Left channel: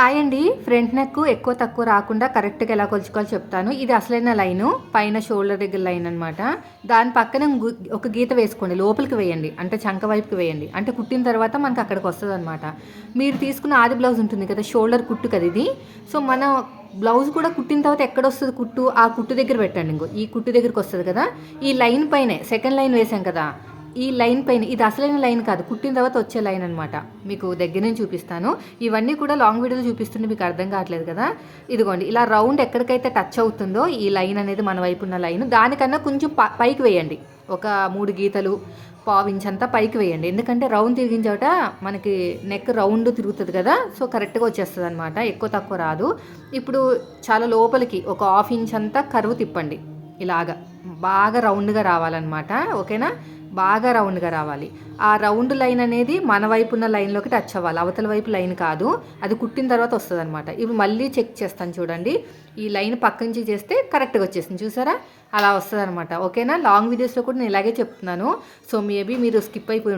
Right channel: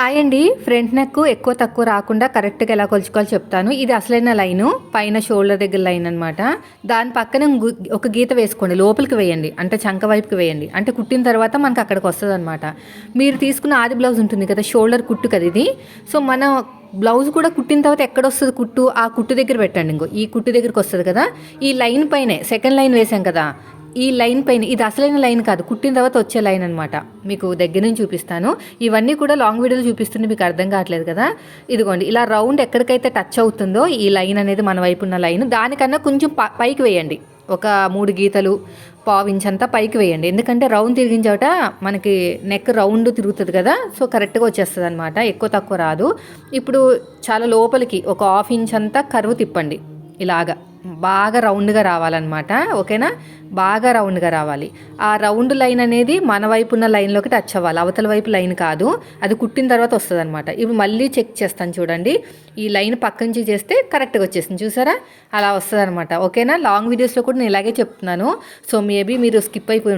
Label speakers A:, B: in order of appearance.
A: Hi అండి. Front neck ఎక్కువ తక్కువ రాకుండా కరెక్ట్గా ఎలా కొలుచుకోవాలో చెప్తాను. ఇది అసలైన లైను. పైన షోల్డర్ దగ్గర లైన్ అనమాట దాని పక్కన ఒక గీత వేసుకోండి. లోపలికి వేయండి. అంటే చంక వైపుకి వేయండి. అంటే కుట్టిన తర్వాత మనకు అక్కడికి వస్తుంది అనమాట మీరు తీసుకున్న ఆది బ్లౌజ్ ఉంటుంది కదా షోల్డర్ కుట్టు కదా ఇది. సో మన బ్లౌజ్ కూడా కుట్టిన తర్వాత ఎక్కడ వస్తుంది కుట్టు? ఆ కుట్టు దగ్గర పెట్టండి ఇంకో. ఈ కుట్టు దగ్గరికి వస్తుంది కదా. ఈ లైన్ పైనే సెకండ్ లైన్ వేసాం కదా. ఈ లైన్ పైన ఇది అసలైన లైన్ కాదు కుట్టిన తర్వాత వచ్చే లైన్ అనమాట మీకు దగ్గర నుంచి చూపిస్తాను. ఇవన్నీ కూడా లాంగ్ వీడియోలు చూపిస్తుంటే మీకు అర్థం కావట్లేదు కదా? ఇదిగోండి ఇలా రౌండ్ ఎక్కడికైతే టచ్ అవుతుందో ఈ లైన్ అనేది మన వైపు ఉన్న లైన్. దానికన్నా కొంచెం పైకి వేయండి. ఒక మూడు గీతలు పావు అంతా పైకి వేయండి. ఎందుకంటే రౌండ్ తిరిగిన చోట మనకి నెక్ రౌండ్ తిరుగుతుంది కదా? సో కరెక్ట్గా వచ్చేస్తుంది అనమాట ఎక్కువ తక్కువ రాదు. ఇప్పుడు చాలా లోపలికి ఒక హాఫ్ ఇంచ్ అంతా కరువు తిప్పండి. ఇలాగా బాగా రౌండ్గా రావాలన్నమాట ఓకేనా? బాగా రౌండ్గా రావాలి. ఆ రౌండ్ లైన్ అనేది మన వైపు ఉన్న లైన్లోకి టచ్ అవ్వాలి. అవతల వైపు లైన్ కాదు. అది కుట్టిన తర్వాత వస్తుంది అనమాట ఇప్పుడు మళ్ళీ చెక్ చేస్తాను చూడండి. ఈ లైన్ పక్క నుంచి చేస్తే కరెక్ట్గా వచ్చేసింది. చూసారా? అలా వస్తుంది అనమాట ఓకేనా? లాంగ్ వీడియోస్లో కూడా నేను ఇలాగే చెప్తున్నాను. సో మేబీ మీరు స్కిప్ అయిపోయి